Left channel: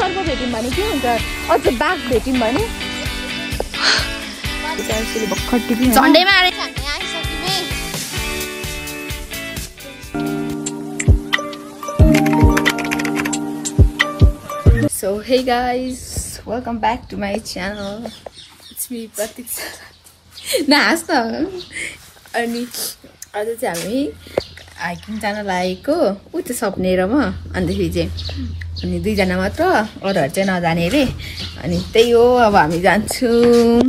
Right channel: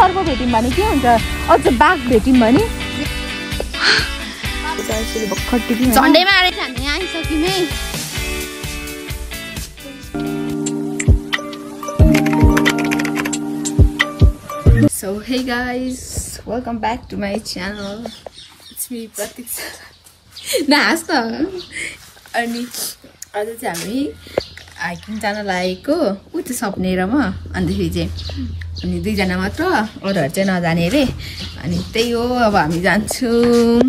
अर्को भेट्यौँ भने के हुन्छ अझ बाघ भेट्यौँ भने झन्डैमा आएर हामी आइसक्यौँ है। So hey guys, welcome back to my channel. It's me Pratiksa. नाच त अनि आज चाहिँ हामी हाइकिङ जान लागेको उ त्यो सपनेरमा अन्तखेरि चाहिँ अनि दुईजना मात्र अरूहरू चाहिँ नजाने रे अनि त्यही हो अब हामी जान्छौँ।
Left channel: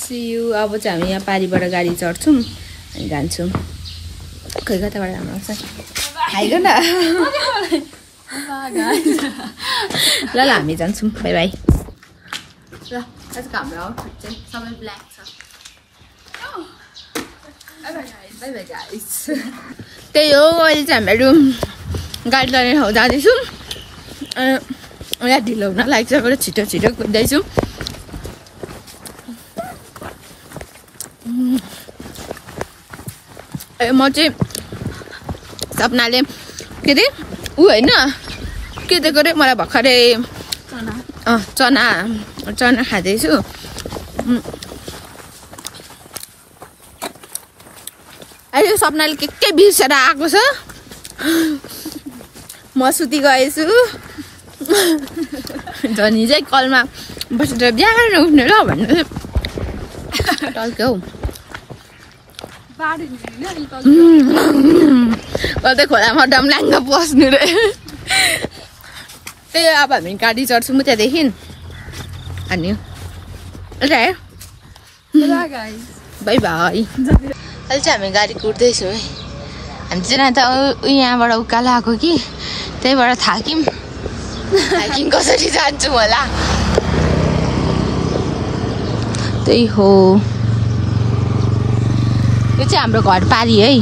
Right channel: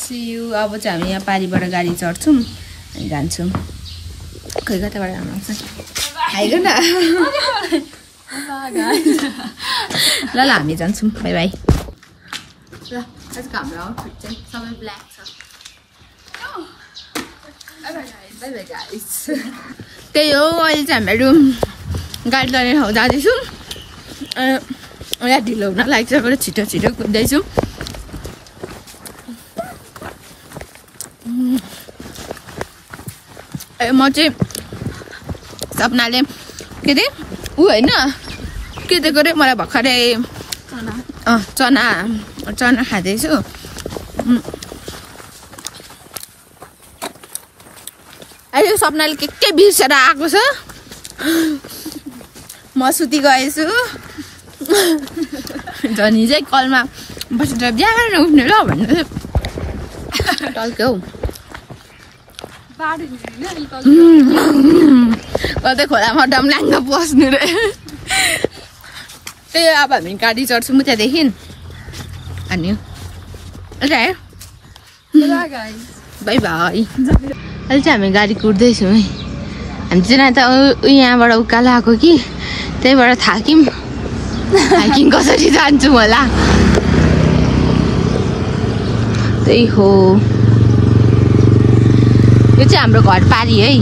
See you. अब चाहिँ हामी यहाँ पारीबाट गाडी चढ्छौँ अनि जान्छौँ। खै कताबाट हाम्रो आउँछ हाइग न ल ल हामी जान्छौँ। By by. ल आजको हाम्रो आउटफिट चाहिँ सबै ब्ल्याक छ। By by guys. त्यही हो अहिले चाहिँ हामीहरू गाडी चढ्ने ठाउँ जाँदैछौँ अनि यहाँ ढिलो हुन लाग्छ बरु छिटो छिटो कुद्दैछौँ। म चाहिँ सपनाले के अरे ऊ होइन के दिएको अरे मलाई भर्खरै चना खाँदैछु। अहिले सपनाले के बिर्सेर आएको छ। म सुति गएछु झनी चाहिँ कलमा बसेर बिहान उठ्ने र भन्नु टल्क्यो हौ। कतै खोलामा डमलाङ्ग बस्नु रे। त्यही अब हामी गाडी चढ्छौँ त्यहाँदेखि अनि बाई बाई। अहिले चाहिँ हामी गाडी कुद्दैछौँ है। हामी चाहिँ त यहाँबाट उकालो आएको कि त्यहीबाट थाक्यौँ। हाइकिङ कसरी जान्छौँ होला त्यही हो। यो चाहिँ हाम्रो घर पारी है।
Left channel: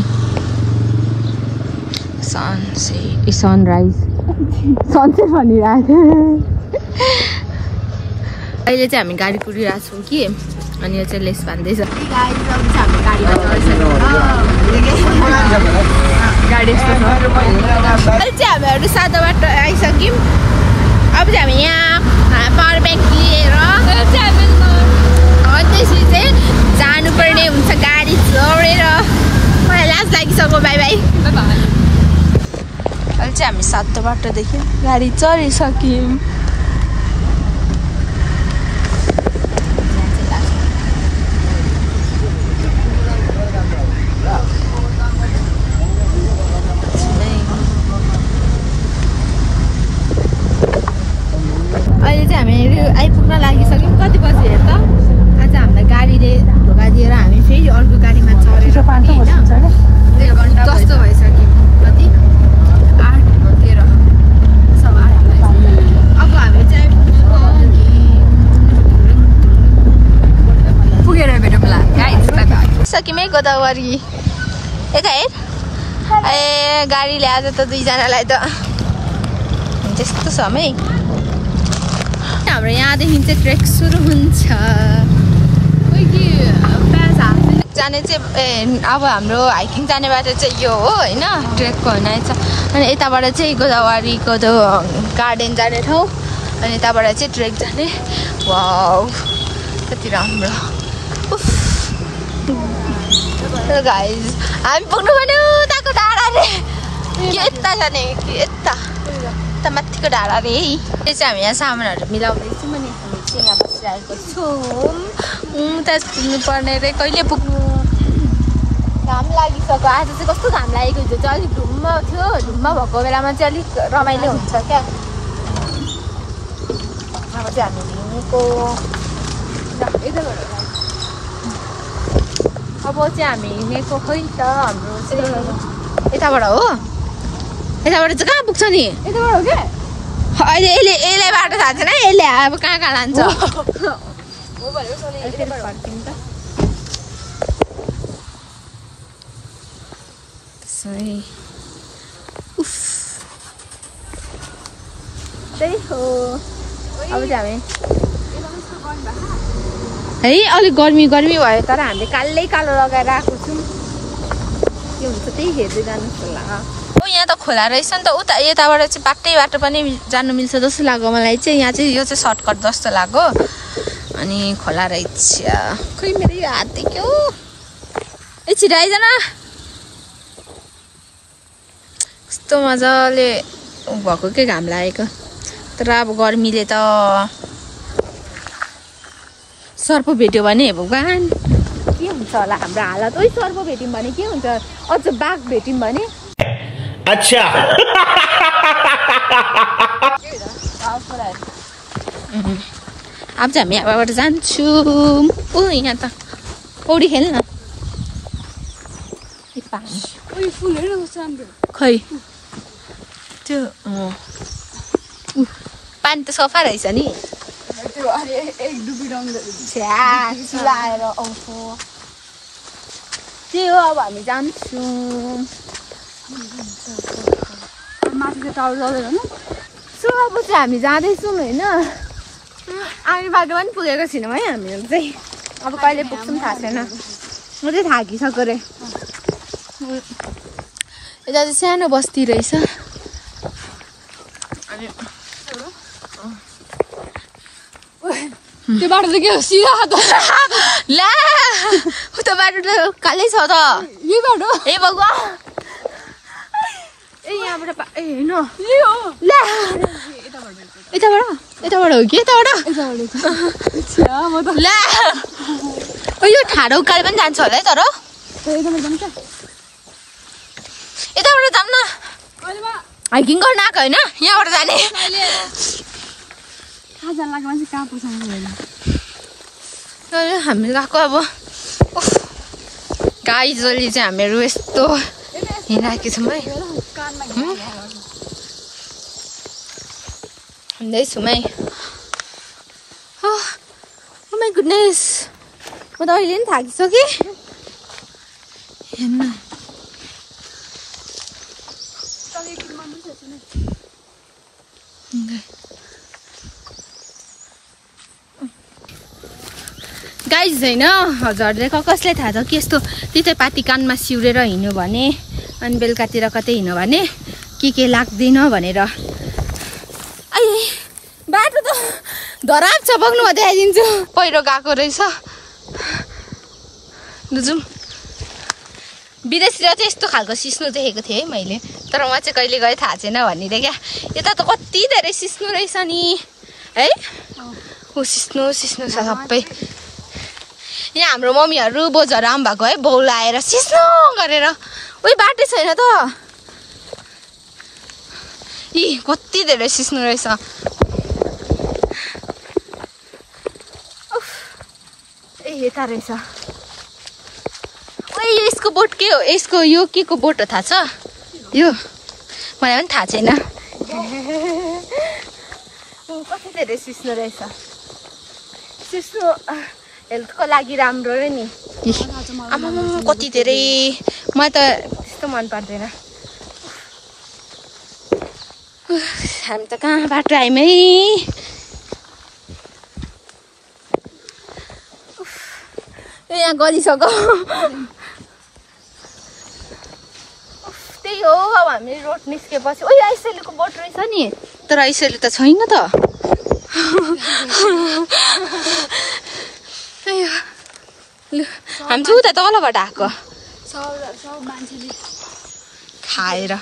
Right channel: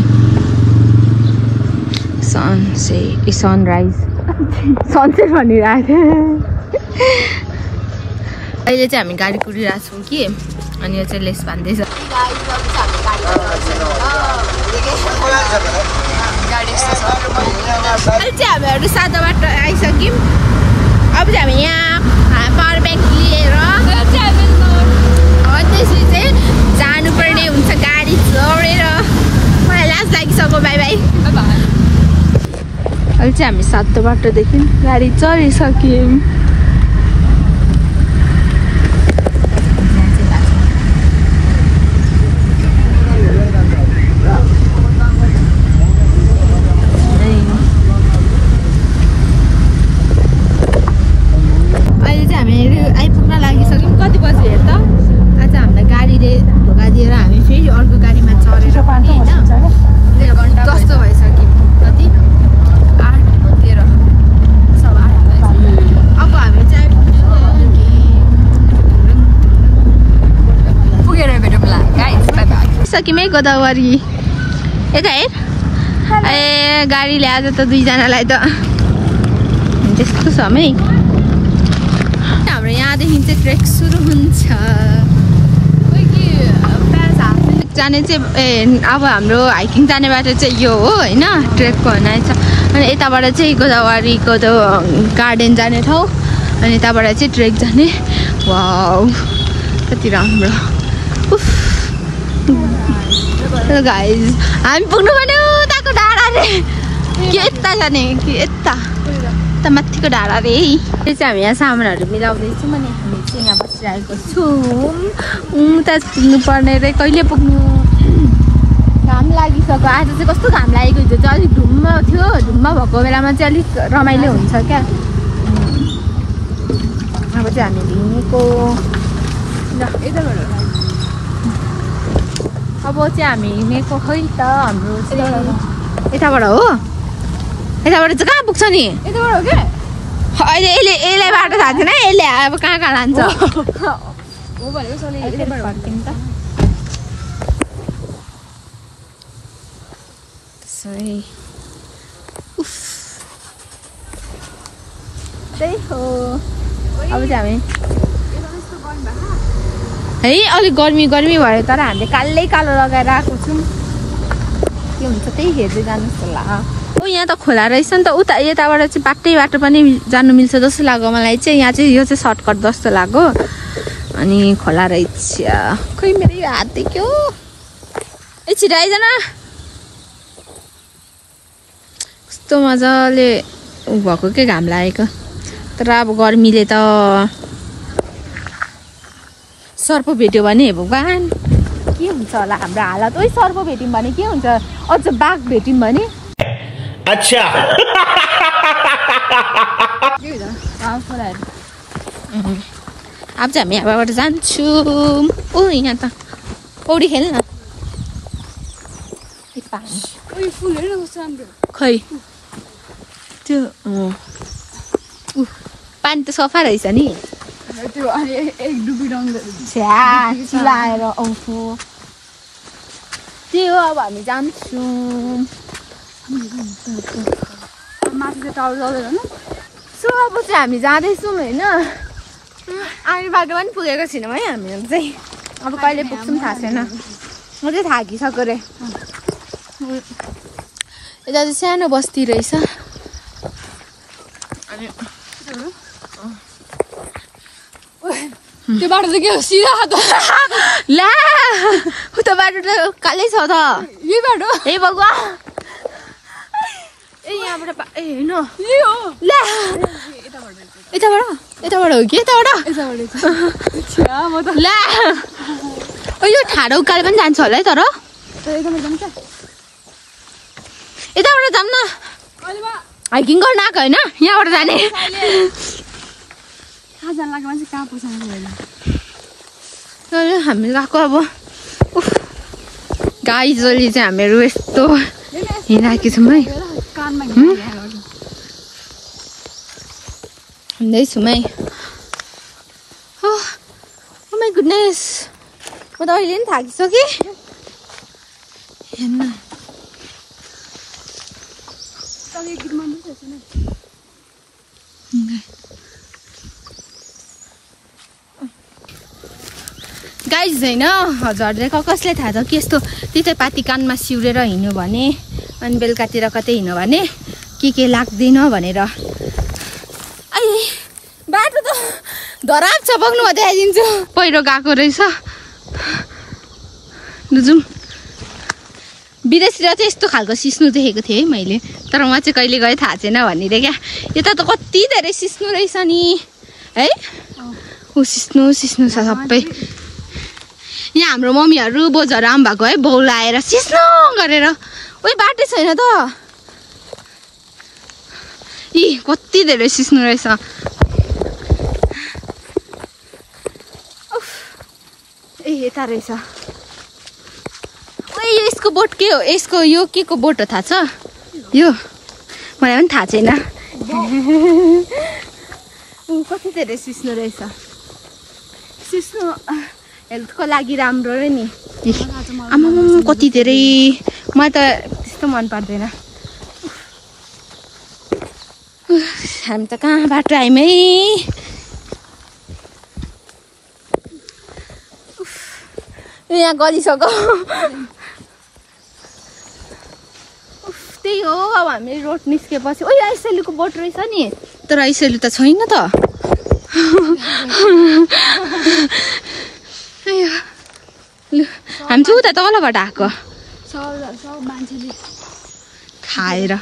सनराइज सनसेट भनिरहेको थियो। अहिले चाहिँ हामी गाडी कुदिरहेको छौँ कि अनि यो चाहिँ लेस बान्दैछ। गाडी यस्तो छ। अहिले चाहिँ हामीहरू सादा बाटो आइसक्यौँ। अब चाहिँ हामी यहाँ पावर ब्याङ्क लिएर त्यसरी चाहिँ जानुपर्ने हुन्छ गाडी चढेर। मलाई लाज लागिसक्यो। By by. अहिले चाहिँ हामी सातो बाटोदेखि गाडी चढिसक्यौँ। अहिले चाहिँ हामीहरू आइपुग्न लागिसक्यौँ। कति बजी हेर त आज हामीलाई गाडीले धोका दिएर हामी फेरि अर्को गाडीमा चढेर कस्तो भइसक्यो कति 8:13। अब हामी चाहिँ पुगेर भेटौँला सक्यौँ है गोदावरी। यता हेर ए गाडीले आज त दुईजनालाई त त्यस्तो छ है। हाम्रो यहाँदेखि चाहिँ ट्रेक सुरु हुन्छ। जाने चाहिँ अब हाम्रो हाइकिङ जाने बाटो चाहिँ यो हो होइन ट्रेकको हुनाइ छ। अनि यताबाट चाहिँ गोदावरीको त्यो गार्डन जाने ठाउँ अनि यताबाट चाहिँ ट्रेक जाने। वाउ कति राम्रो। गाइस हामी पुग्नु पर्ने उताको डाँडाले कि यता जाने कि यता माथिको डाँडा रे। त्यो चाहिँ हामी यहाँ सामानहरू मिलाउँदैछौँ अनि हामी चाहिँ यहाँ बसिरहेको छौँ। उता पुग्नु पर्ने रे कहिले पुग्नु। घाम लागिसक्यो। आज चाहिँ कस्तो घाम लागेको हुन्छ चाहिँ अलिक धुम्म थियो। धुम्म भएको बेलामा चाहिँ अलिक रमाइलो हुन्छ क्या। अब चाहिँ हामी हिँडेको अब चाहिँ हामी हिँडेको खै त हाम्रो चाहिँ यताबाट हो। यताबाट चाहिँ कहाँ पुग्छ नि? यताबाट हो क्या। अहिले यसले बाटो थाहा छैन। यसले अब कहाँ लान्छ हो भने त्यही हो। अब चाहिँ हामी है अलिक गर्मी भयो तर हामीले कालै कालो लगाएर आएको छौँ। के हुन्छ त्यही हेर्दै जानुहोस् होला। ओ यहाँ त खोला रहेछ नि त उता यताबाट चाहिँ बाटो पनि जानु मिल्छ जस्तो लाग्यो मलाई चाहिँ यहाँ चाहिँ यो चाहिँ सर्टकट जस्तो लाग्यो अनि खोला रहेछ खै मेरो हात देख्यो ए छिटो आइज न कस्तो मजाले भएको के घाम लागेको तर अब गर्मीले त सर्प भेट्यो भने भगवान के हुन्छ होला हाम्रो हालत ओइ सर्प भेट्यौँ भने के हुन्छ अझ बाघ भेट्यौँ भने अच्छा अब चाहिँ हामी यहाँबाट जान्छौँ ओ यहाँ त पौडी खेल्न पानी खै त्यो पानी त सफा रहेछ नि चिलाएर आउँछु त्यही हो अब हामी जान्छौँ सो अब चाहिँ हामी जाँदैछौँ होइन आउने बाटो पनि पुगेको छैनौँ है हामीहरू चाहिँ अब कहिले पुग्छौँ थाहा छैन म चाहिँ थाकिसक्यो रे यता चाहिँ सानो बस्ती रहेछ त्यो बाटो त के हो सिधा त ला उता बाटो त कालै छ त यो बाटो ए भगवान ए यहाँबाट ए हैन यो हो ला यताबाट हो कि यताबाट ला यो ठाडो उकाले पनि जान्छ होला है तर यताबाट जाऊँ न हाइकिङ गर्न आएको होइन यहाँबाट जाने हामी गएको अब गाइजले चाहिँ हामीहरू यस्तो हिँडिरहेको छौँ है हिँड्दैछौँ है ओ माई गुडनेस म त अहिले पनि थाकिसकेँ हेर्न गाइज होइन हजुरले कसलाई थाहा छ कि यस्तो तितेपाती कानमा सिउरेर हिँड्यो भने अनि बेलुकातिर कतै हिँड्यो भने के लाग्दैन भनेर बाटो त धराप छ बग्नु म देखाइदिन्छु पहिरो गएको रहेछ बुझौँ विदेशतिर चाहिँ यस्तो खालको सिस्नु देखेको थिएँ है मैले तर म चाहिँ कहिले गएँ थाहा छैन भनिदिएँ क्या यता त कति धेरै सिस्नु रहेछ नि है ऊ सिस्नु छ सबै यहाँ हाम्रो मम्मीहरू बोजहरू आउनु भएको है बाउ लाएर सिस्नु गरेर उही बाटो छैन त इ कति धेरै सिस्नु रहेछ ए यता रहेछ यसको बोट के हो यसको यो के को बोट हो थाहा छ यो मलाई पनि थाहा छैन कति धेरै सिस्नु रहेछ सिस्नु हेल्थको लागि राम्रो रे नि आमा कति धेरै मलाई त त्यस्तो मन पर्दैन हामी त कहाँबाट आयौँ है यहाँ गलिसक्यो त्यही हो अब हामी रोड निस्केपछि ओइ आइसेलुको बोट रहेछ नि तर आइसेलु त छैन त हामी चाहिँ उता तलबाट आएको खाएर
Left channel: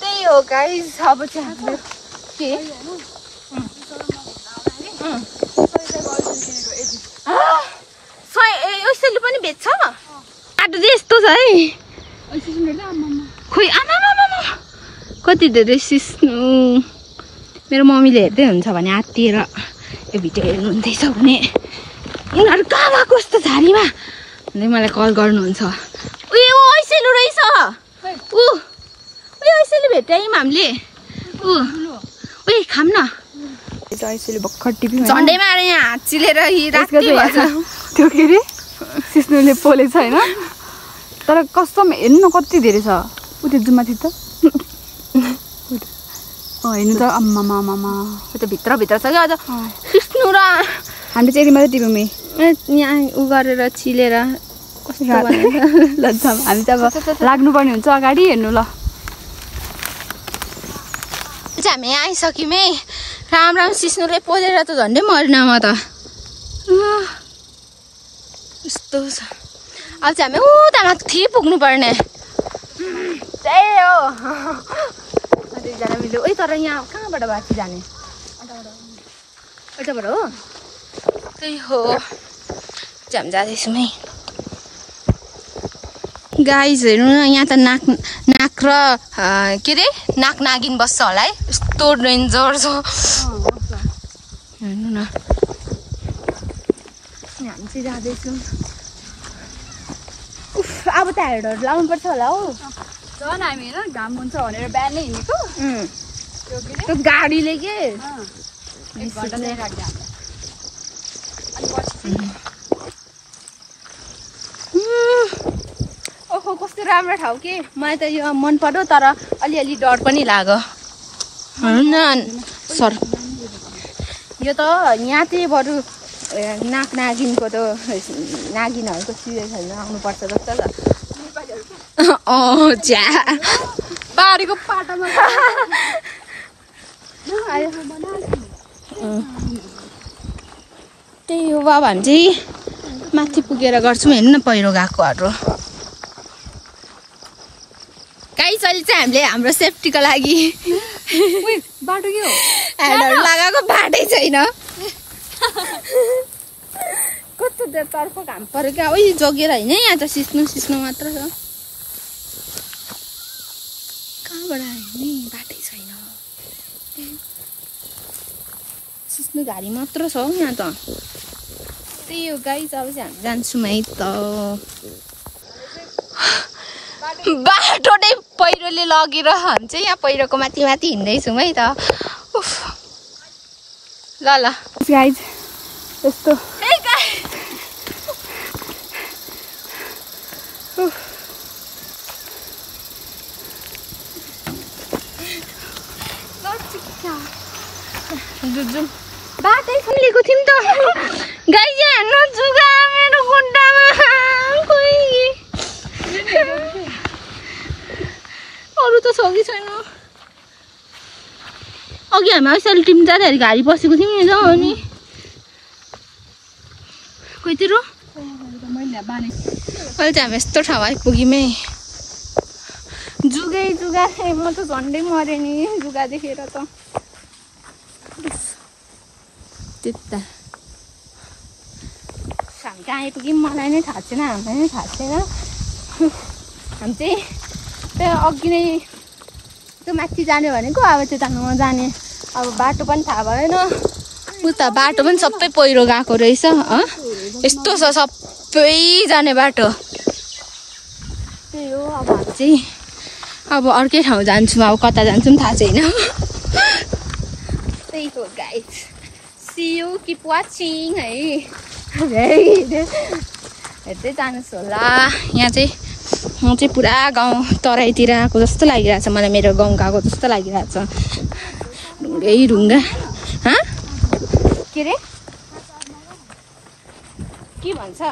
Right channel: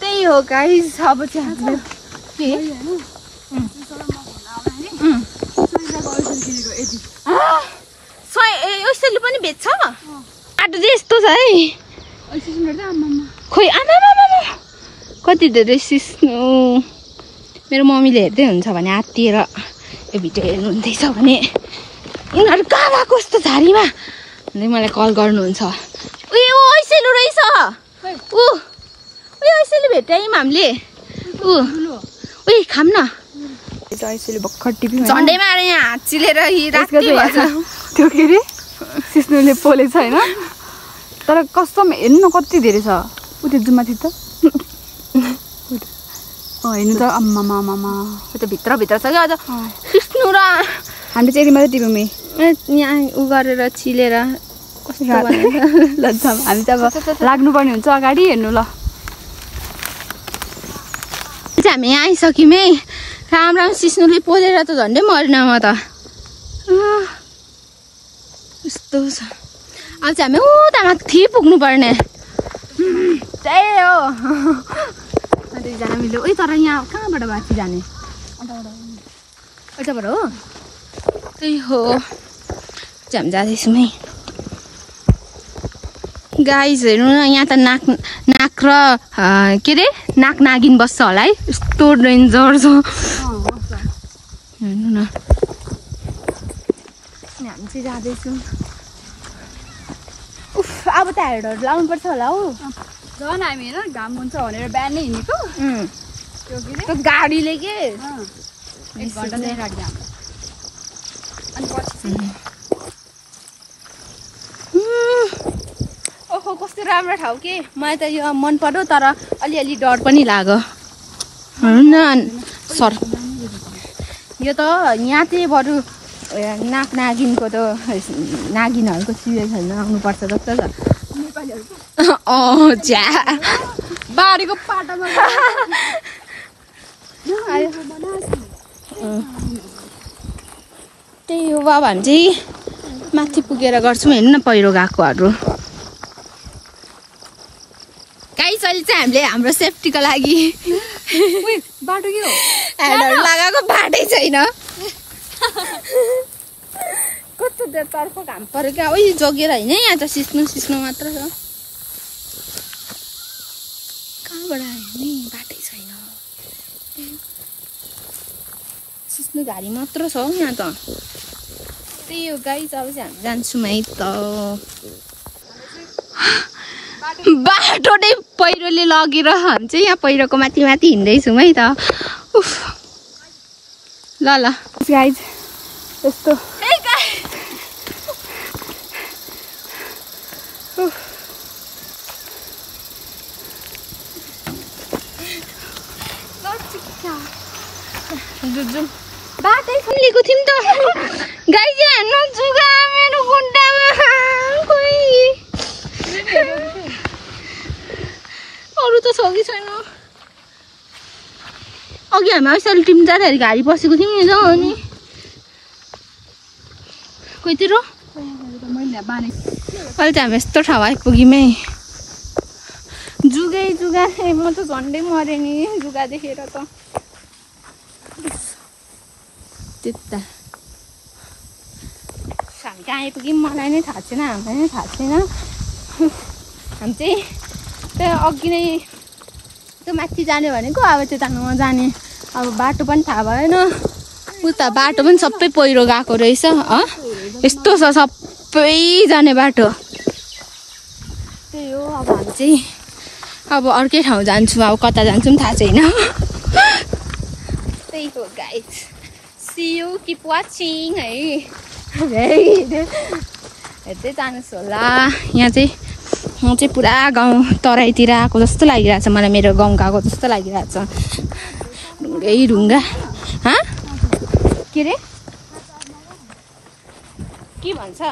त्यही हो गाइस अब चाहिँ हामीले के पनि बेच्छ बाटो चाहिँ यस्तो छ है खोइ आमा कति धेरै सिस्नु मेरो मम्मीले हेर्दै हुन्छ भने आत्तिएर यो भिडियो हेर्नुहुँदैछ भने यिनीहरू कहाँ गएको कस्तो झारीमा भन्दै मलाई कल गर्नुहुन्छ उयो ऐसेलु रहेछ ऐसेलु भेट्यौँ हामीले उयो खाम न झन्डैमा आएर यहाँ हात चिलेर त्यो के अरे सिस्नुले पोलेछ होइन तर कस्तो हेर्नु न कति धेरै छ उ त्यो जुमाथि त हेर्नु त आम्मामा त्यो भित्र छ क्या अझ सिस्नु र हामीले चाहिँ मात्रै टिप्यौँ यहाँ उ गरेर चिलेर ल जाम हामी त अब लाग्नुपर्ने हुन्छ अगाडि हेर्नु ल हामी आइसक्यौँ है राम राम सिस्नुले पोलेर त झन्डै मर्न म त यस्तो छ अब चाहिँ हामी उता माथि पुग्नु पर्ने त्यही हो दुईजना मिल्यो ओइ तर यहाँ कहाँबाट माथि जाने अझबाट हो त्यही हो जाम जाँदैछौँ है गाइज हेर्नु न यहाँ त नाक र के अरे नाक नागिन बस्छ होला है यस्तो डेन्जर छ हेर्नु न हामी चाहिँ जाँदैछौँ उफ अब त हेडहरू लाउनुपर्छ होला हो झन् हामी होइन घाम हुन्छ भनेर बिहानै हिँडेको त्यो गाडीले के ओहो कस्तो राम्रो ठाउँ के मलाई त यो मन पर्यो तर अलिअलि डर पनि लाग्यो सर यो त यहाँ चाहिँ बरु नाक नागिनको त नागिनहरूको सिचुएसन आउनुपर्छ जस्तो छ झ्या बारीको पाटामा त्यही हो बाबा हामी चाहिँ माथि पुगेर गर्छौँ हेर्नु न पहिरो गएकोहरू गाइस अहिले चाहिँ हामीले हाम्रो सेफ्टीको लागि बाटो के हो हेडहरू लगाएको बाटै छैन कस्तो तर्फ घाम पऱ्यो क्या ओइ जगेर होइन यहाँ त सिस्नो मात्र छ कहाँबाट आयो नि बाटै छैन सिस्नो घारी मात्र छ हौ यहाँ त त्यही हो गाइस अब चाहिँ हामी जान्छौँ है त बाटो नै पहिरोले लगेर हामी चाहिँ यहाँ पहिरोको माथि हिँड्दैछौँ है त उफ ल गाइज यस्तो बाटै खुलेको थियौँ त गाई चाहिँ हेर्नु जुगा मेरो खुट्टामा अरू त छ कि छैन अघि हामी यसरी टिम जाँदाखेरि घारी बसेको थियौँ नि अनि कोहीतिर अहिले चाहिँ हामी यस्तो ठाउँ आइपुग्यौँ है जुगा म त झन्डै मरेँ नि जुगा देखेर त त्यता हामी कहाँ आइपुग्यौँ मलाई नै थाहा छैन हामीलाई नै थाहा छैन हामी चाहिँ त्यहाँ अघि नै त्यो माथि जाने भनेको अब त्यता नजाने अब बाटो पनि थाहा भएन उता बाटो पनि सबै पहिरो गएको रहेछ यस्तो छ सबै जाने बाटो त्यही हो अब हामी चाहिँ अब अर्कै ठाउँ जान्छौँ अब कता जान्छौँ थाहा छैन त्यही हो guys see you keep watching है हेर्दै जानुहोस् होला यहाँ चाहिँ पुरा गाउँ तराईतिर आएको जस्तो लागिरहेछ मलाई मेरो गाउँ गएको जस्तो लागिरहेछ ढुङ्गा के अरे के भन्छ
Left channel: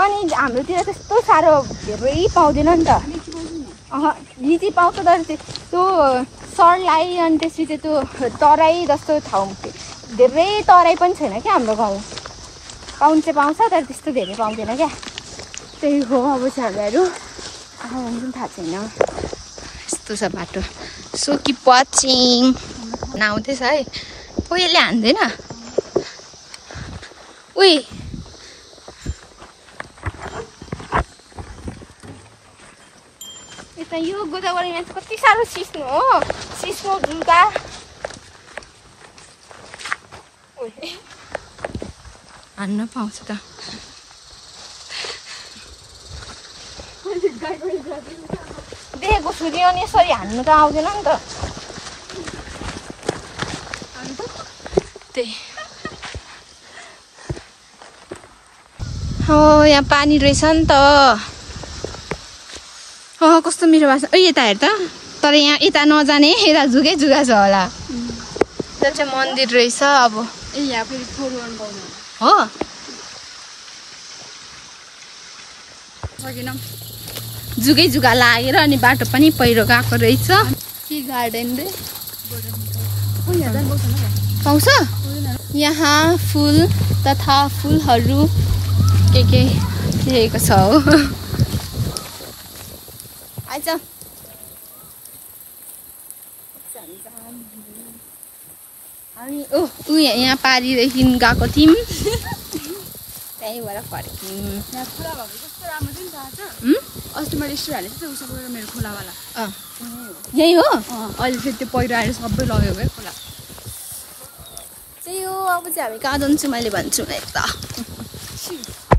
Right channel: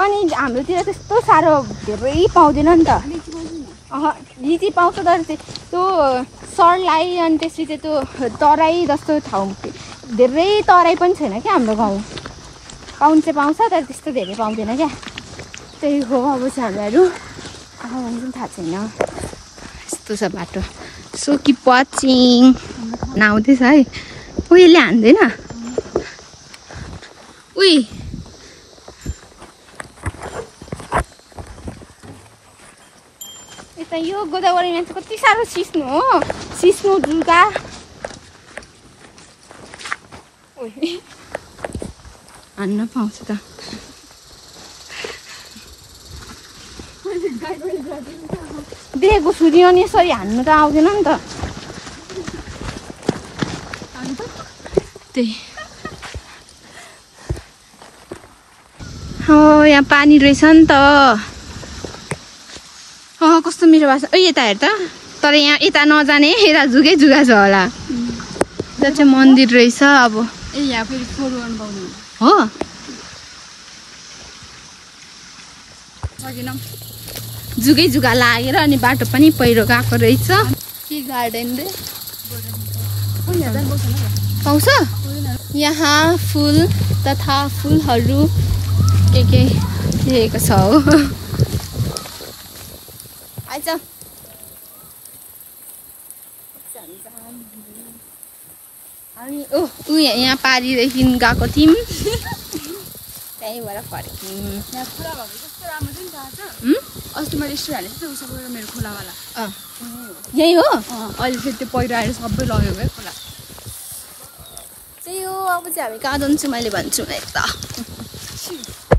अनि हाम्रोतिर त्यस्तो साह्रो धेरै पाउँदैन नि त लिची पाउँछ तर त्यो सरलाई अनि त्यसपछि चाहिँ त्यो तराई जस्तो ठाउँ धेरै तराई पनि छैन क्या हाम्रो गाउँ पाउनु चाहिँ पाउँछ तर त्यस्तो धेरै पाउँदैन क्या त्यही हो अब चाहिँ हामीहरू थाहा छैन यस्तो छ बाटो सो किप वाचिङ आउँदैछ है ओ यसले हान्दैन ओइ यता यो गोदावरीमा चाहिँ कति साह्रो सिस्नु हो सिस्नु जुगा हान्न पाउँछ त देखेको छु नि अनि यसरी हान्नु त आउँदैन नि त त्यही यहाँ पानी रहेछ नि त कस्तो मिठो भएको छ यता हेर त तर यहाँ यता नजाने यता जुगा छ होला त्यहाँ चाहिँ मन्दिर रहेछ अब हो जुगै जुगा लागेर अनि बाटो पनि पहिरो गएको रहेछ के गार्डन रे पाउँछ यहाँ फुल तथा फुलहरू के देखेको छ हो आइज हामी यहाँ पारिदेखि गएको थियौँ त्यहीँबाट फर्क्यौँ यही हो अहिले चाहिँ त्यो पहिरो आएर सबै लग्यो है खोला त्यही हो अब चाहिँ हामी कहाँ जान्छु मैले भन्छु है त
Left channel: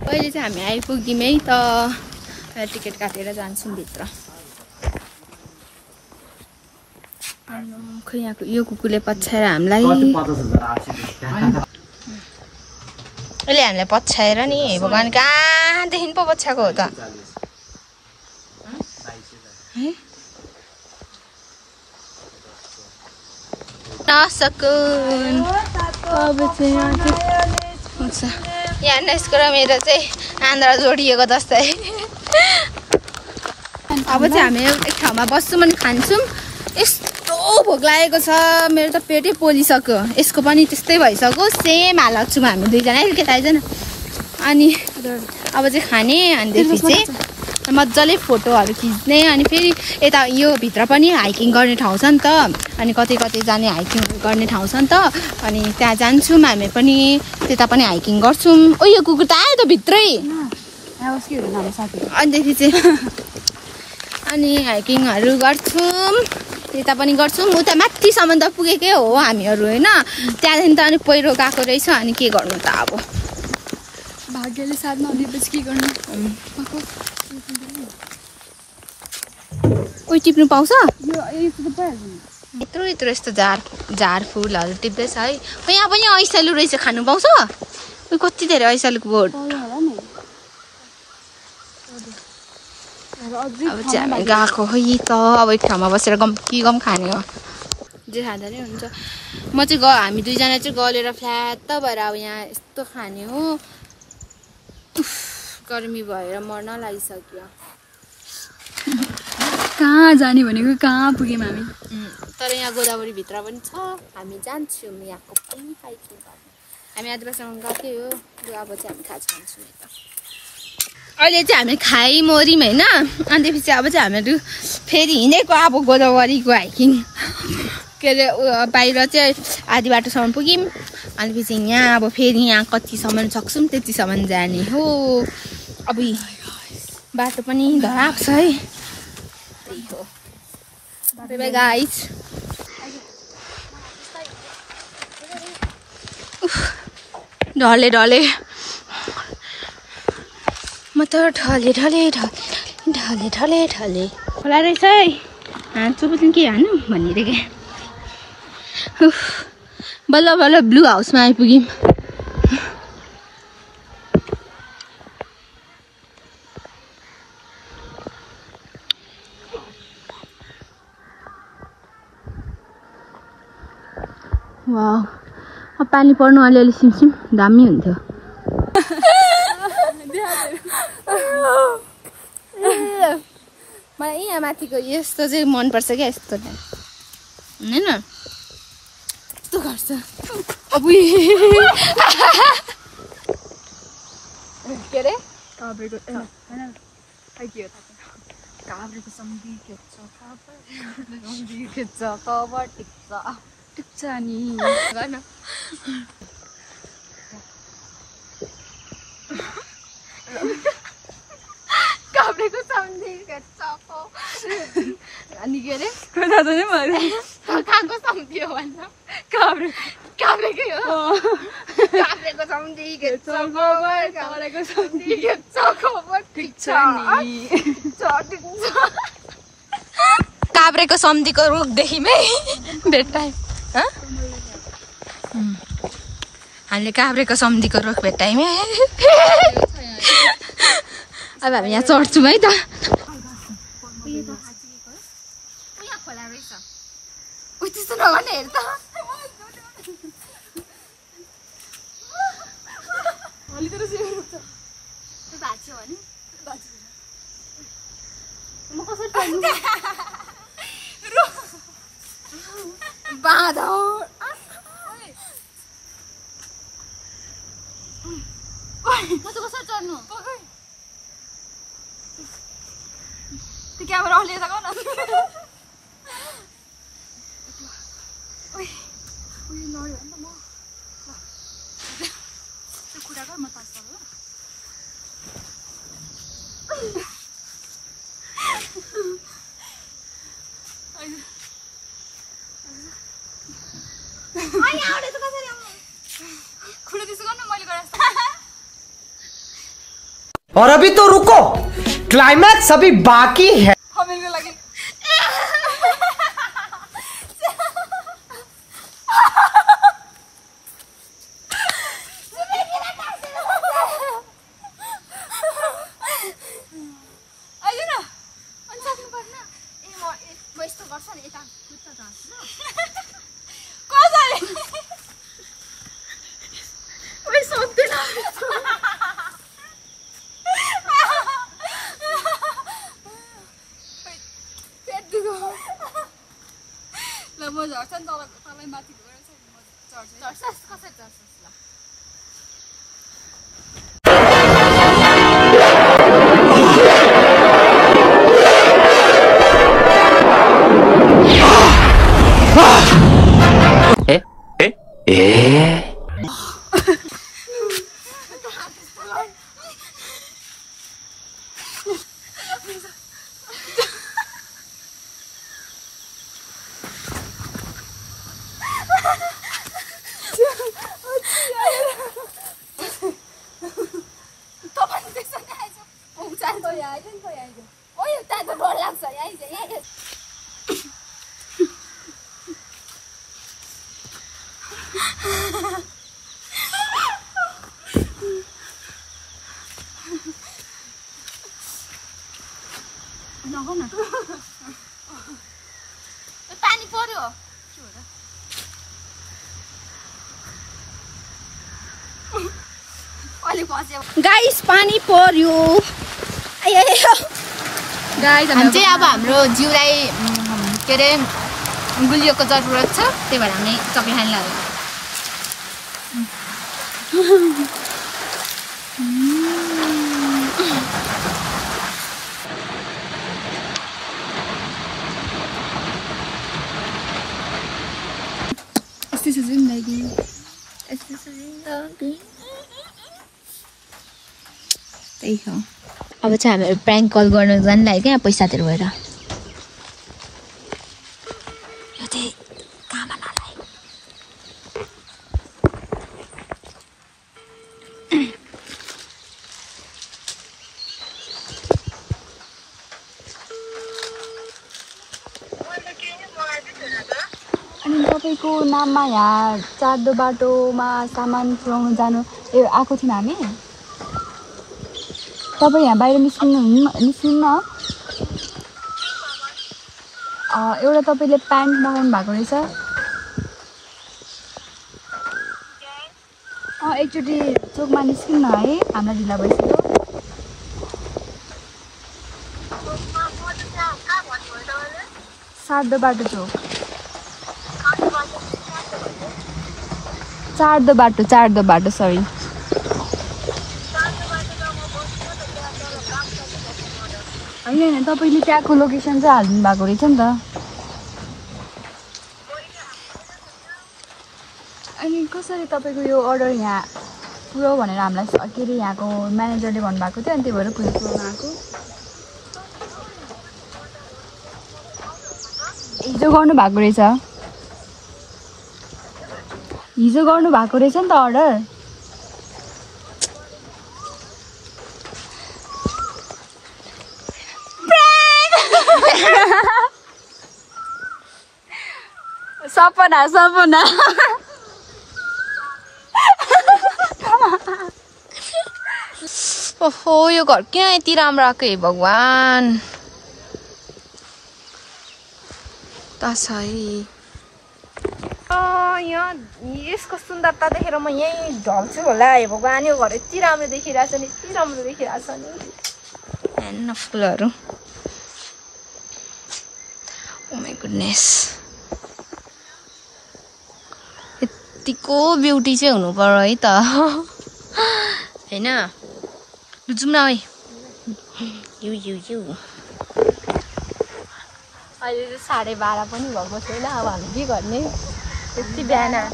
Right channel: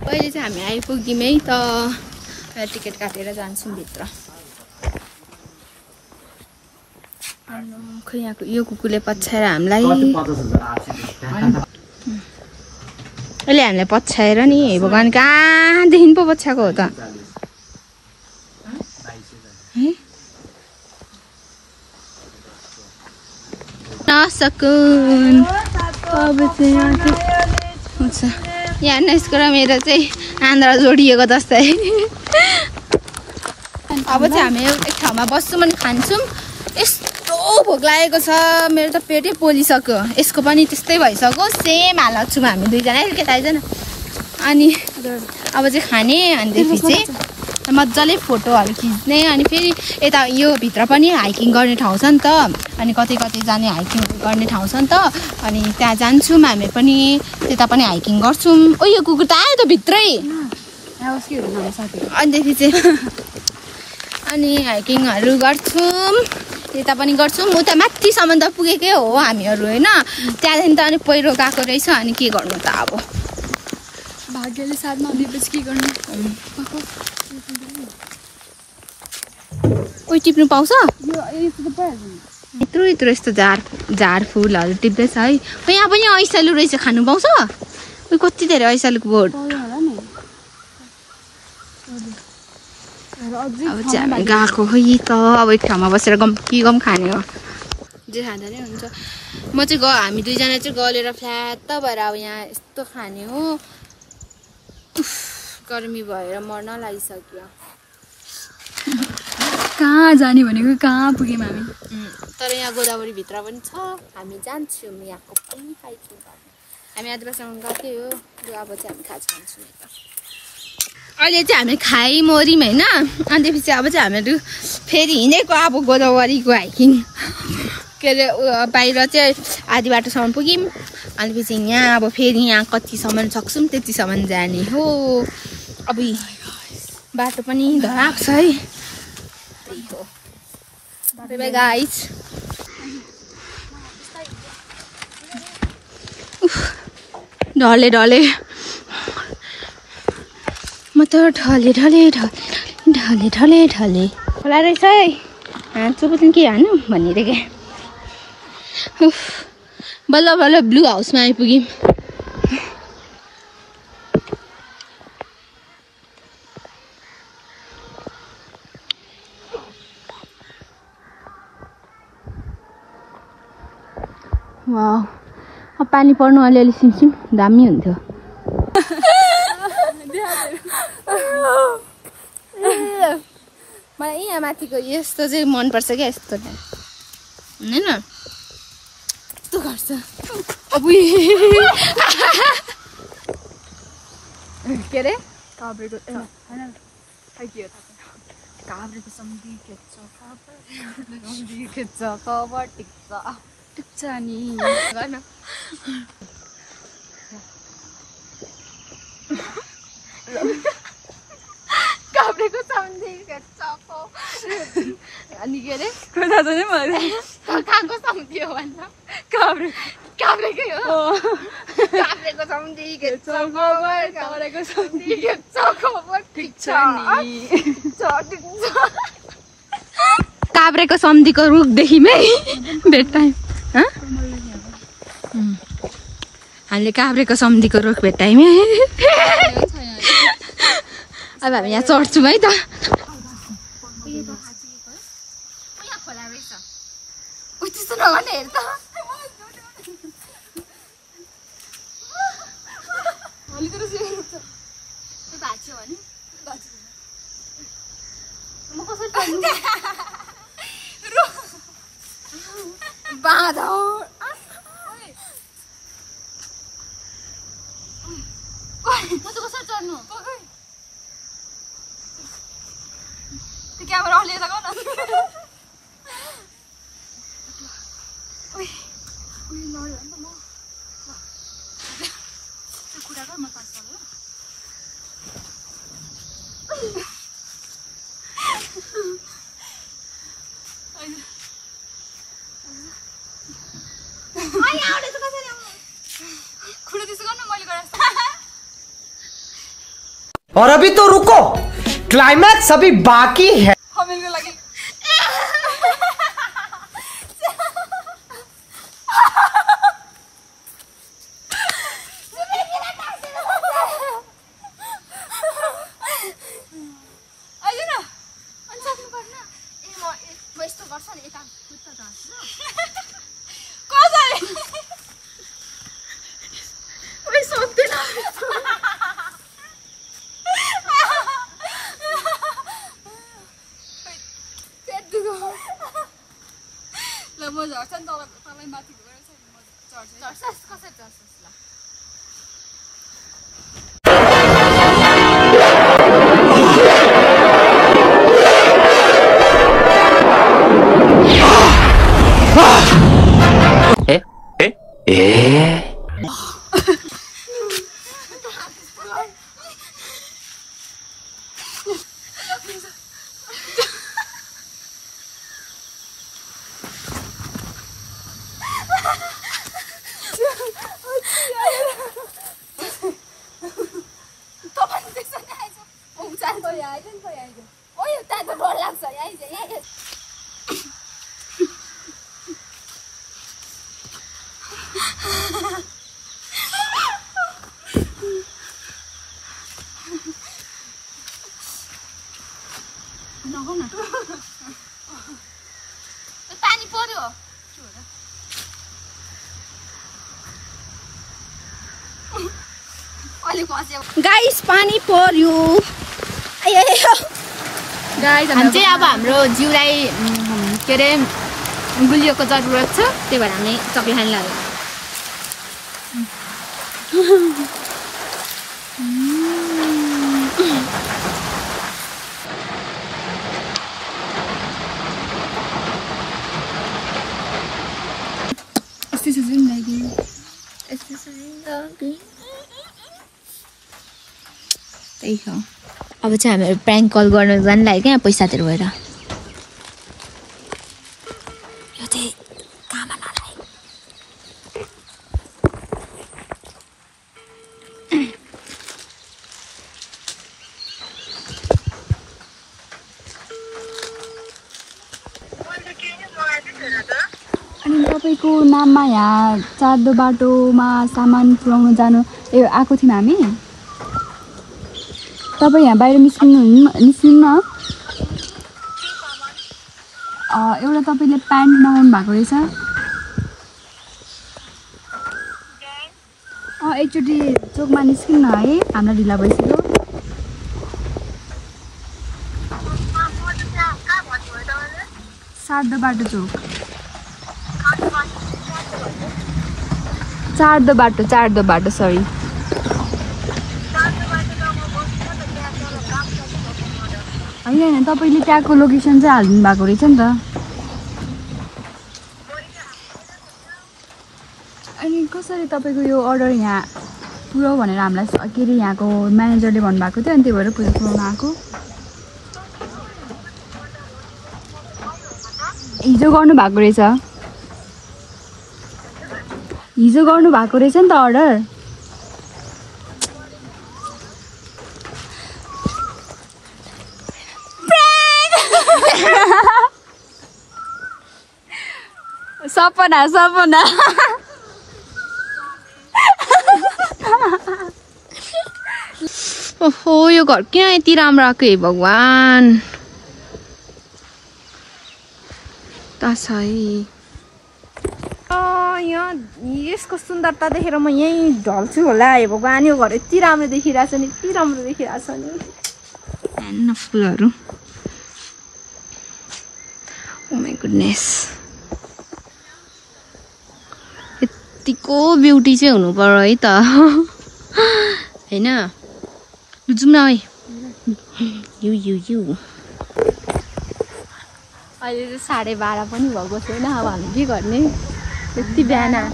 अहिले चाहिँ हामी आइपुग्यौँ है त टिकट काटेर जान्छौँ भित्र खै यहाँको यो कुकुरले पछ्याएर हामीलाई अहिले हामीलाई पछ्याएर नि भगवान् कहाँदेखि पो पछ्याएको हो त नसकुन अब चाहिँ यहाँ यसको र मेरो चाहिँ आन्द्रा जोडिएको जस्तै अब चाहिँ हामी एक ठाउँमा बस्छौँ अनि खान्छौँ यस्तो भोक लागेको छ मेरो त पेटै पोलिसक्यो यसको पनि त्यस्तै भइसक्यो सेम हालत छौँ हामी दुईजना केटा आइज न अनि अब चाहिँ खाने अनिदेखि चाहिँ मजाले फोटोहरू खिच्ने अनि फेरि यता यो भित्र पनि हाइकिङ गर्ने ठाउँ छ नि त अनि कतै कतै जाने हाइकिङ गर्ने ठाउँ छ नि त अनि त्यहाँ जान्छौँ हामी पनि त्यता पनि हाइकिङ गर्छौँ ओ यो कुकुर त आयो त भित्रै अनिदेखि चाहिँ अनि हाइकिङहरू गर्छौँ त्यता पनि गर्छौँ उता माथिसम्म त पुगेकै हो हामीहरू होइन त्यहाँदेखि त अनि पहिरो गएको रहेछ अनि के गर्नु त अब भाग्यले साथमा दिएपछि के गर्नु कोही टिप्नु पाउँछ यत्रो यत्रो यस्तो झार फुलहरू टिप्दैछ है यहाँ पनि ऐसालु रहेछ खानु पाउँछ कति धेरै ऐसालुको बोट अब चाहिँ हामी गएको खै त अब एक ठाउँमा बसेर गम खाने हो जे खाँदा नै हुन्छ म चाहिँ हामी दुईजना चाहिँ गलेर फ्ल्याट भएर अब यहाँ यस्तो खाने हो गर्मी भएर मर्न लागिसक्यो कहाँ जाने भनेको कहाँ पुग्यौँ हामी तर यहाँ गोदावरीभित्र पनि छ हामी जान्छौँ यहाँको पनि हाइकिङ गर्न हामी आदिवासीसँग गएकै हो अब चाहिँ हामी खाजा खान्छौँ है त अहिले चाहिँ हामी खाइमर्यौँ होइन अनिपछि अब चाहिँ हामीहरू फेरि हिँडेको अब गोदावरीको हाइकिङ के अरे बाहिर चाहिँ आधी बाटोसम्म पुग्यौँ अनिपछि यहाँ अब फेरि यहाँ कतिसम्म सक्छौँ त्यतिसम्म जाने हो अब बाटो पनि धराएको छ है त्यही हो बाई गाइज ढले ढले म त ढले ढले ढले ढले ढले खोला रहेछ है चोपतन के हानु भनिरहेको बल्ल बल्ल ब्लू हाउसमा आइपुग्यौँ वाउ अब पानी पर्नु अलिअलि सिमसिम दामी हुन्थ्यो मलाई यहाँ माथिको यस्तो चाहिँ मनपर्छ क्या यस्तो होइन यस्तो गर्छ अब के अरे काभ्रेको सम्धी खेच्छ कभर टिक्छ नि काभ्रेको सम्धी खेच्छ अनि के अरे खाएको सम्धी हो भन्छ काभ्रेकै हो काभ्रेको सम्धी खेच्छ काभ्रेको सम्धी खेच्छ टिक्छ नि काभ्रेको सम्धीको रुखदेखि भेट्टायौँ हामीले काभ्रेको सम्धीको रुख भेट्टायौँ अब हामी यहाँ चढ्छौँ है त त्यस्तो नगर्ने हेर त भोलितिर सुन्छ त्यो भाँच्यो भने म कसरी पर्ने बाधा कसरी चढ्नु त्यो क्यामेरा अन लिएर गन कुरा गर म पास गर्नु और अभी तो रुको, क्लाइमैक्स अभी बाकी है। म झर्छ नि तपाईँ माथि झर्छ कसरी झर्छ पानी पर्यो गाइस पानी पर्यो हम चाहिँ अब हाम्रो जिउलाई के अरे गुलियोको जरुरत छ त्यही भएर हामी चक्लेट खान लाग्यो त्यही हो अब चाहिँ हामीहरू प्र्याङ्क कल गर्न जानु लाग्यो क्या पैसातिर भएर तपाईँको नाममा यहाँ चार्दो बाटोमा सामान पुऱ्याउन जानु आएको थियौँ हामी तपाईँ यहाँ बाहिर निस्किनु न एउटा तपाईँले प्यान्ट मगाउनु भएको रहेछ एकचोटि चोकमा निस्किनु है हाम्रो ढिला भइसक्यो चार्दो बाटो चोक चार्दो बाटो सरी होइन तपाईँले त्यहाँको लोकेसन चाहिँ हाल्नु भएको रहेछ नि त अनि कसरी तपाईँको यो अर्डर यहाँ पुऱ्याउ भनेर हामीलाई के अरे यहाँको म्यानेजरले भन्नुभएको थियो अनि त्यही भएर पुऱ्याउनु आएको हिजो गर्नुभएको रहेछ नि त अर्डर सपना ओहो यो घर किन यति राम्रो आएको हे भगवान त छ है यहाँ यसको सुन्दरता देखेर म यहीँ ढल्छु होला। हे भगवान् यो घर यति राम्रो देखिरहेछ नि, यति राम्रो देखिरहेछ नि। हेर्नु फुलहरू। ओ माई गुडनेस, यतिको ब्युटी चाहिँ हुनु पर्यो है त होइन। जाउँ न है। यु अहिले चाहिँ 12:30 पनि भएको छैन। अब हामी के गर्ने? त्यति बिहान आएर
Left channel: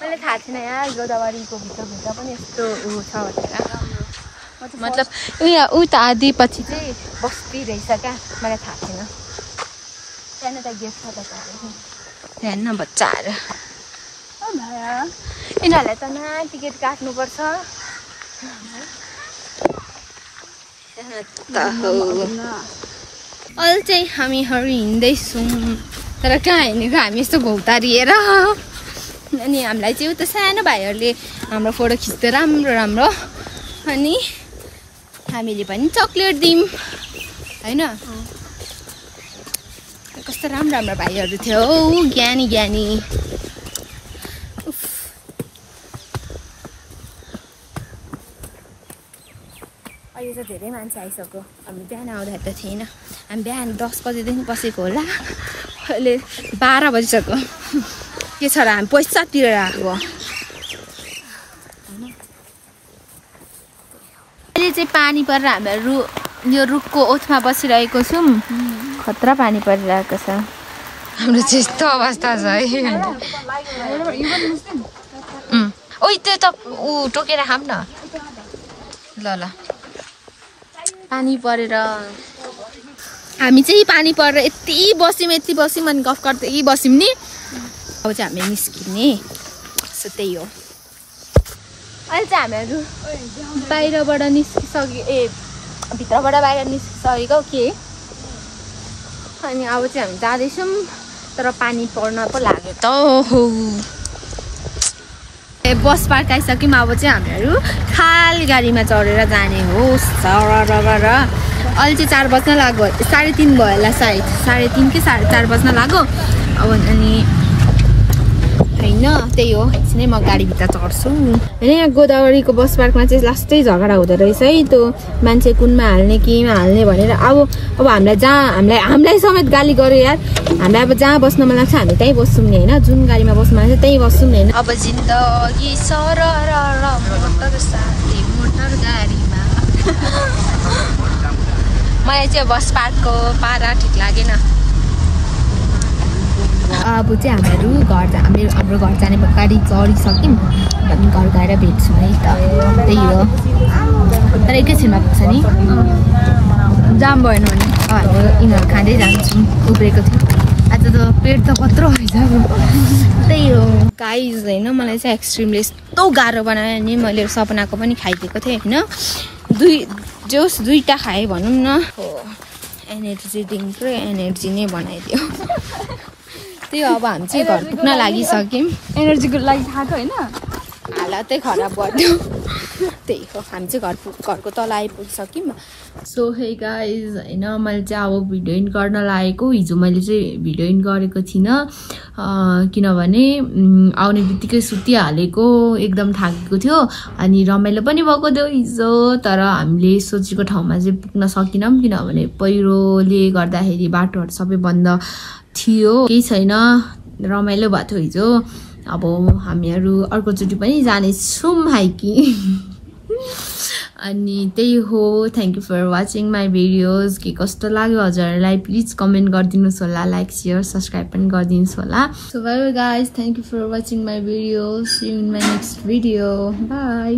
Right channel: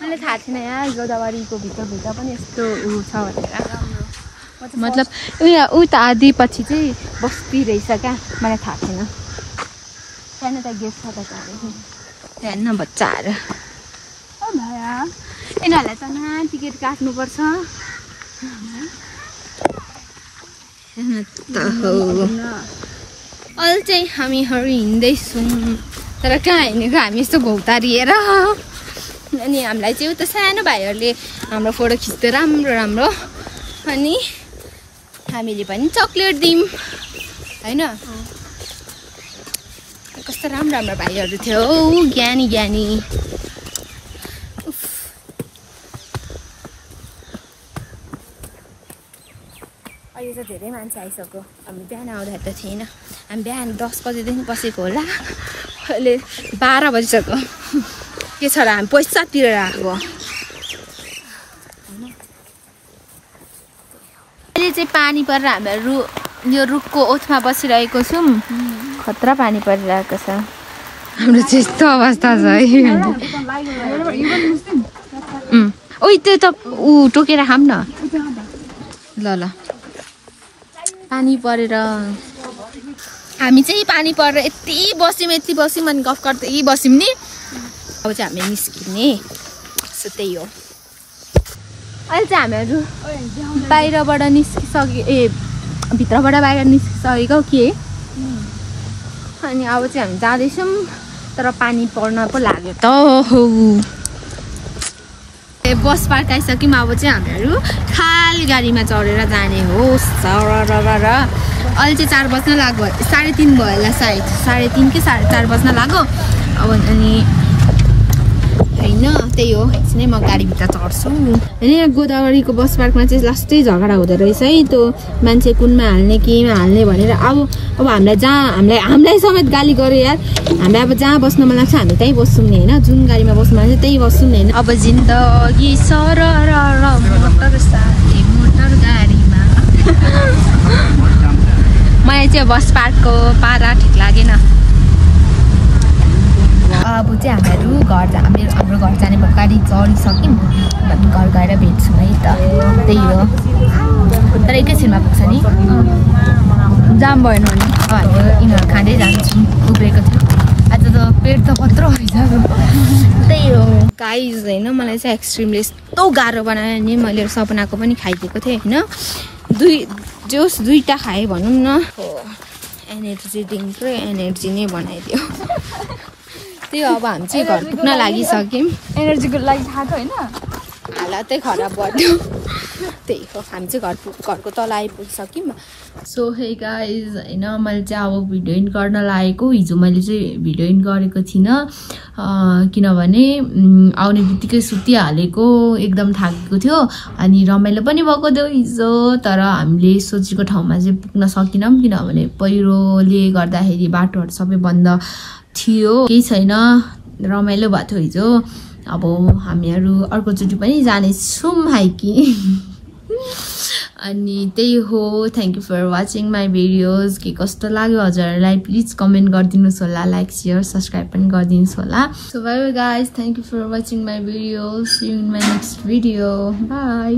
मैले थाहा थिएन यहाँ गोदावरीको भित्र पनि यस्तो छ भनेर। मतलब यहाँ उता आधी पछि चाहिँ बस्ती रहेछ क्या, मलाई थाहा थिएन। त्यहाँनिर त गेट छ त हेर्न बच्चाहरू। यिनीहरूलाई त न टिकट काट्नुपर्छ। अहिले चाहिँ हामीहरू हिँड्दैछौँ, तर कहाँ हिँडेको हामी यस्तो घौतारिएर। अनि हामीलाई चाहिँ उता सानो भाइहरूले हाम्रो फोटो खिच्दै राम्रो अनि हामीले पनि चक्लेट दियौँ होइन। कस्तो राम्रो भाइहरू थियो हौ, ज्ञानी। अहिले त धेरै मान्छे आइसक्यो। हामी बिहान आउँदाखेरि त थिएन। हामी बिहान 10 बजेदेखि बसेको होला, अहिले 12 बजिसक्यो। के छ र हामी पैसा तिरेर आएको। अहिले चाहिँ पानी परेर हामीहरू यो रुखको ओछमा बसिरहेको छौँ। खतरा पानी परिरहेको छ। हाम्रो चाहिँ यस्तो अवस्था छ है। ओइ त्यो त टोकेर खाऊँ न। ल पानी परेर हामी चाहिँ पानी परेर यति बस्यौँ अनि गफ गर्दै बस्यौँ नि। अब चाहिँ हामी निस्किने। सो त्यही हो। अहिले चाहिँ हामीहरू बाहिरबाट भित्रबाट बाहिर निस्किसकेको के। अनि अब चाहिँ हामी जाँदैछौँ, तर पानी पर्न पो लाग्यो त। बस पार्क आइसक्यौँ। अब चाहिँ हामीहरू खाली गाडीमा चढेर जाने हो। अहिले चाहिँ 4 बज्न लाग्यो, 3:30 भयो होला सायद। 3:30 कि 4:30 बज्न लाग्यो। अब अनि होइन त्यही हो। एकछिन नै म गाडीभित्र चढ्छु। होइन यहाँ गोदावरीको बस पार्कमा चाहिँ लास्टै झगडा हुँदो रहेछ है। त्यो मान्छे कुनमा हाल्ने केमा हाल्ने भनेर। अब हामीलाई समेत गाली गऱ्यो यार। हामीलाई अब जहाँ बस्न मन लाग्छ हामी त्यहीँ बस्छौँ नि होइन। जुन गाडीमा बस्नु मन लाग्छ त्यहीँ बस्छौँ नि होइन। अब जिन्दगी मोटर गाडीमा मलाई चाहिँ बस पार्कको पारा ठिक लागेन। अब चाहिँ हाम्रो घर जाने गाडी चढिसक्यौँ। अनि घर गएर भेट्छौँ है त। त्यही हो। तर एकैछिनमा पुग्छ नि, जाम भएन भने। यिनीहरू खाँदै जान्छौँ। उब्रेको थियो आज त पेट त कत्रो भइसक्यो। त्यही हो गाइज होइन। मलाई चाहिँ एक्सट्रिमले यस्तो गाह्रो बनायो नि। मैले सपनाको पनि खाइदिएको थिएँ होइन। दुईवटा खाएँ भनौँ न। एनर्जी ड्रिङ्क र एनर्जी नै बनाइदियो। त्यही हो। अब हामी चाहिँ घर पुग्न लागिसक्यौँ। एनर्जीको लागि खाएको होइन, हालत चाहिँ खराब भयो। त्यही हो। हामी चाहिँ घरको तल आइपुगिसक्यौँ। सो हे गाइज होइन, मैले चाहिँ अब भिडियो एन्ड गर्न लागेको। हिजो मैले चाहिँ भिडियो एन्ड गरेको थिइनँ किनभने आउने बित्तिकै सुतिहालेको, एकदम थाकेको थियो। अनि रमाइलो पनि भएको थियो हिजो। तर हामीले सोचेको ठाउँमा चाहिँ पुग्न सकेनौँ किनभने पहिरोले गर्दाखेरि बाटोहरू सबै बन्द थियो। केही छैन, रमाइलो भएको थियो हिजो। अब हामीहरू अर्कोचोटि पनि जानेछौँ हाइकिङ। अनि त्यही हो। Thank you for watching my videos. के कस्तो लाग्यो हजुरहरूलाई प्लिज कमेन्ट गरिदिनुहोस् होला। लाइक सेयर सब्सक्राइब पनि गरिदिनुहोस् होला। So bye guys, thank you for watching my videos. See you in my next video. By.